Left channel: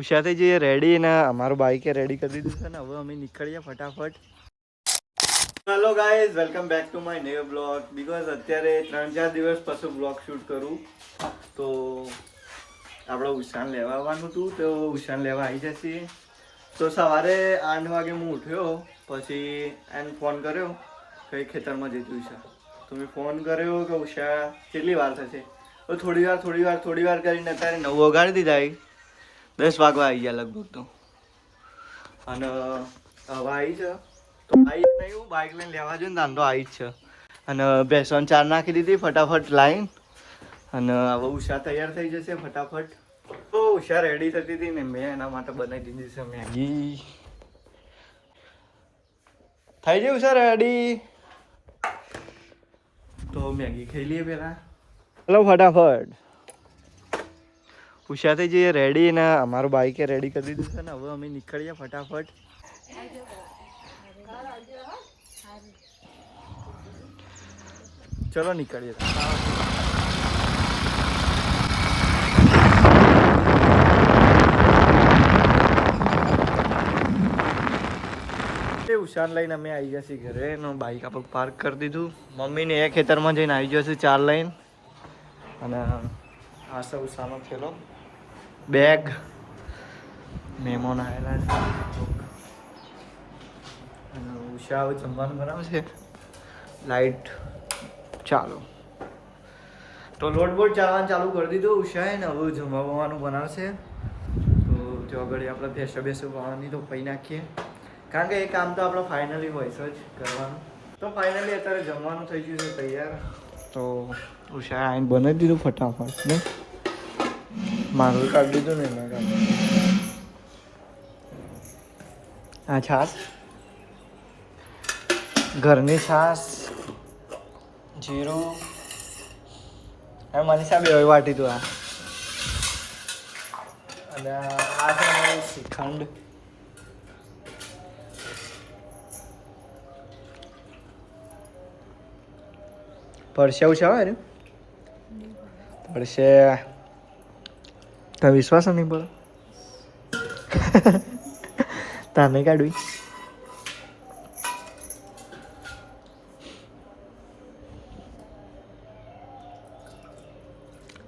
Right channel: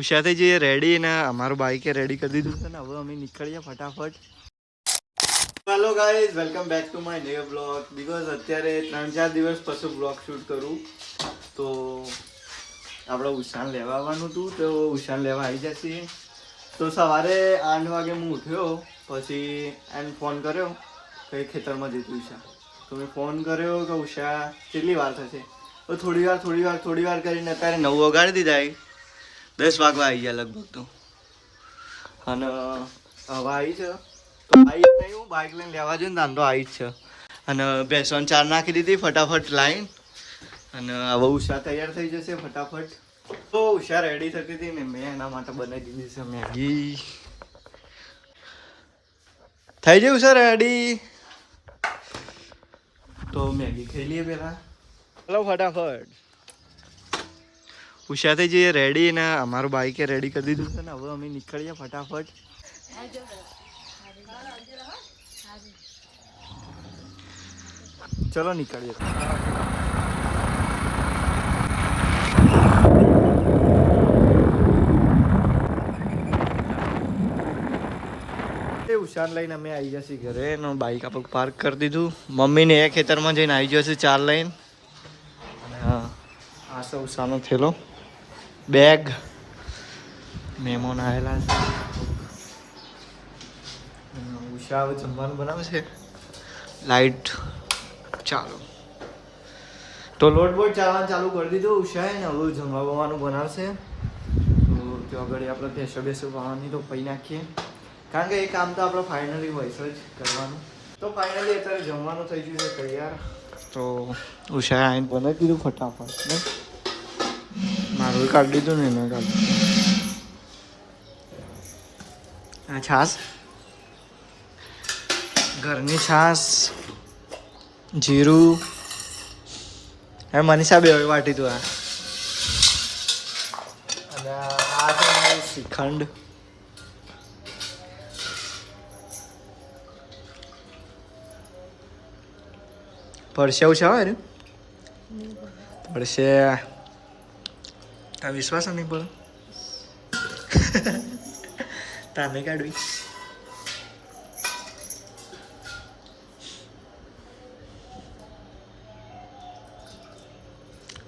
ઉષાથી જઈએ રેડી ને અમારું બાઈકે રેડી કરી દીધું છે ને હવે અમે નીકળીએ ફટાફટ. Hello guys, welcome back to my new blog. Because અત્યારે 3-4 દિવસ પછી બ્લોગ શૂટ કરું તો આપણે ઉષાન લેવા આવવાનું હતું તો ઉષાન લેવા આવી જશે. તો સવારે 8 વાગે હું ઉઠ્યો પછી એને ફોન કર્યો કઈ ખેતરમાં જતી ઉષા. તો મેં ફોન કર્યો કે ઉષા કેટલી વાર થશે. તો થોડી વાર કરીને અત્યારે 9 વગાડી દીધા. 10 વાગવા આવી ગયા લગભગ તો. અને હવે આવી છે તો આવી નહીં, હું બાઇક લઈને લેવા જઈને દાંડો આવી જ છે. અને બેસન ચાર નાખી દીધી ફટાફટ લાઈન. અને હવે ઉષા તૈયાર થઈ જશે ફટાફટ. તો ઉષા રેડી થતી હતી ને મેં એના માટે બનાવી દીધી છે મેગી. થઈ ગઈ ઉષા રેડી તો મેગી ખાઈ લઈએ પેલા. ચલો ફટાફટ. ઉષાથી જઈએ રેડી ને અમારું બાઈકે રેડી કરી દીધું છે ને હવે અમે નીકળીએ ફટાફટ. ચલો નીકળીએ. ઉષાન લઈને અમે આવી જશે ઘરે. એનું બાઈક આપણે પાર્ક કરી દીધું. મમ્મીને એ ખેતરમાં જઈને આવી જશે ચાર લઈને. અને આ સૌ ઉષાનો થેલો, બેગ, મહેમાન આવેલા છે. અને ઉષા હવે જમવાનું બનાવશે. લાઈટ ચાલો તો લોટ બોટ ચાલવાનું ચાલુ કરી દીધું ઉષાએ ને હવે જમવાનું બનાવશે. તો ત્યાં આગળ આપણે ભેંસો બનાવવાની તો પૈ નાખીએ કારણ કે એ કામ તો આપણે ફાઇનલી હોય જ કરવાનું. તો ફાઇનલી અત્યારે જમવાનું થઈ ગયું છે તૈયાર. તો ઉષાએ આવીને બનાવી દીધું ફટાફટ. મારું કાઢી દીધું ને એને કાઢી. આ છાશ, ઘરની છાશ, જીરું. હવે મનીષા બે વાટી તું આ. અને આ છે મારું શ્રીખંડ. પડશે ઉષા હોય ને પડશે. તને વિશ્વાસ નહીં પડે? તાને કાઢવી.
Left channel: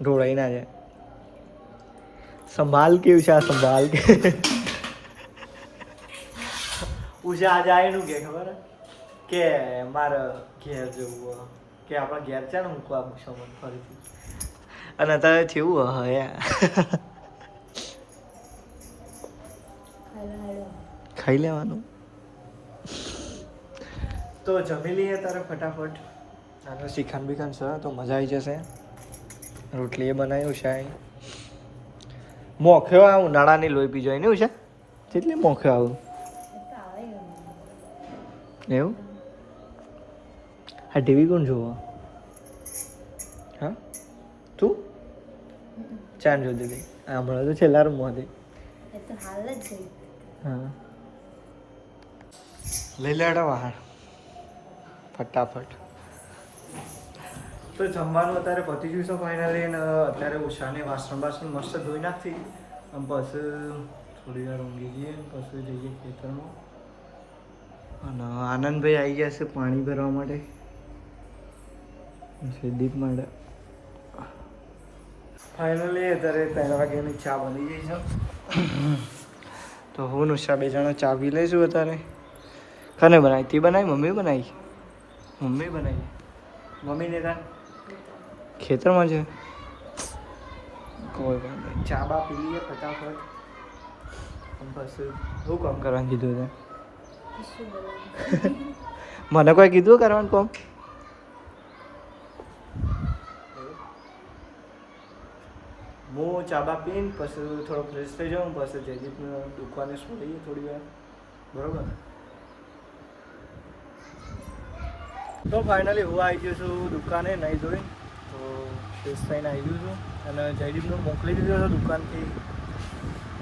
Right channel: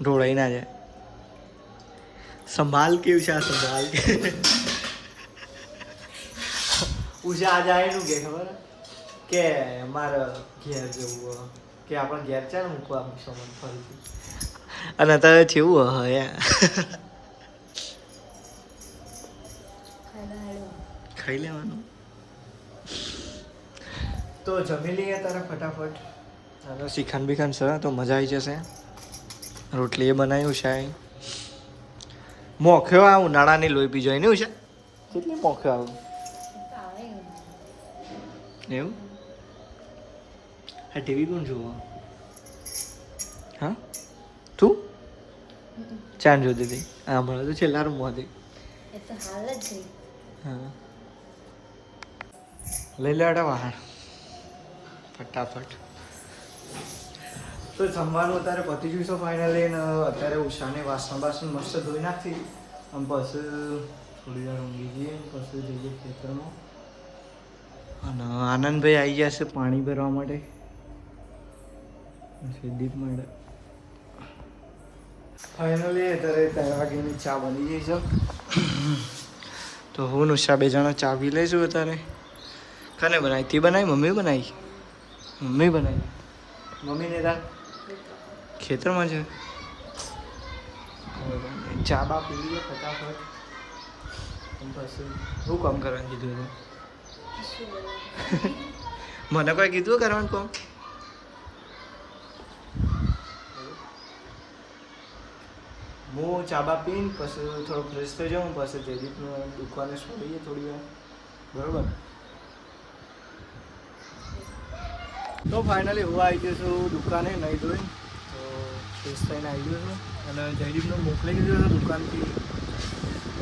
ઢોળાઈ ના જાય. સંભાલ કે ઉષા, સંભાલ કે. ઉષા આજે આવીનું કે ખબર કે મારે ઘેર જવું કે આપણા ઘેર છે ને મૂકવા મૂકશો મને ફરીથી. અને અત્યારે કેવું હયા ખાઈ લેવાનું. તો જમી લઈએ તારે ફટાફટ. આનો શ્રીખંડ બીખંડ છે તો મજા આવી જશે. રોટલી એ બનાવી ઉષાએ. મોખ્યો આ ઉનાળાની લોહી પી જાય ને ઉષા? કેટલી મોખ્યો આવું એવું? હા ટીવી કોણ જોવા? હા તું ચાંદ જોતી હતી. હા હમણાં તો છેલ્લા રૂમમાં હતી. હા લઈ લેડા વાહણ ફટાફટ. તો જમવાનું અત્યારે પતી ગયું છે ફાઇનલી. અને અત્યારે ઉષાને વાસણ મસ્ત ધોઈ નાખી. અને પછી થોડી વાર ઊંઘી ગઈએ પછી જઈએ ખેતરમાં. અને આનંદભાઈ આવી ગયા છે પાણી ભરવા માટે. દીપ માટે ફાઇનલી અત્યારે 3 વાગ્યાની ચા બની ગઈ છે. તો હું ઉષા 2 જણા ચા પી લઈશું અત્યારે. કને બનાવી? તી બનાવી? મમ્મી બનાવી? મમ્મી બનાવી. મમ્મીને ત્યાં ખેતરમાં છે. કોઈ વાત નહીં, ચા બા પી લઈએ ફટાફટ. પછી શું કામ કરવાનું કીધું છે? મને કોઈ કીધું કરવાનું કામ? હું ચા બા પીને પછી થોડો ફ્રેશ થઈ જાઉં પછી જયદીપનું દુકાને છોડીએ થોડી વાર. બરાબર. તો ફાઇનલી હું આવી ગયો છું દુકાને નહીં ધોઈને. તો ફ્રેશ થઈને આવી ગયો છું. અને જયદીપને મોકલી દીધો હતો દુકાનથી.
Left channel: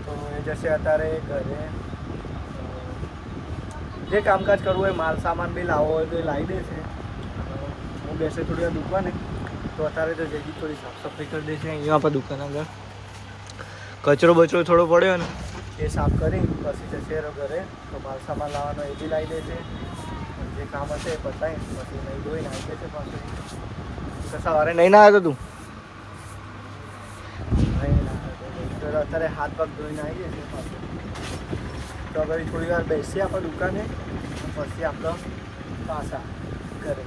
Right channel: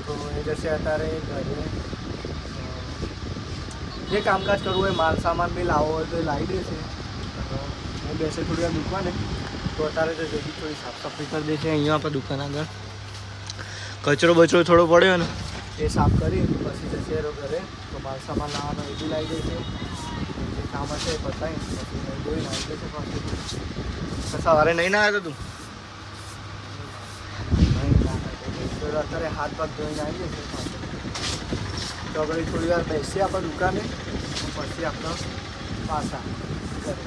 તો એ જશે અત્યારે ઘરે. જે કામકાજ કરવું હોય માલ સામાન બી લાવવો હોય તો એ લાવી દેશે. હું બેસે થોડી વાર દુકાને. તો અત્યારે તો જયદીપ થોડી સાફ સફાઈ કરી દે છે અહીંયા આપણે દુકાન આગળ. કચરો બચરો થોડો પડ્યો ને એ સાફ કરી પછી જશે ઘરે. તો મારો સામાન લાવવાનો એ બી લાવી દેશે. જે કામ હશે એ પતાવી પછી નહીં ધોઈને આવી જશે પાછું. સવારે નહીં ના આવ્યો તું? નહીં ના તો અત્યારે હાથ પગ ધોઈને આવી જશે પાછું. તો પછી થોડી વાર બેસીએ આપણે દુકાને પછી આપણે પાછા ઘરે.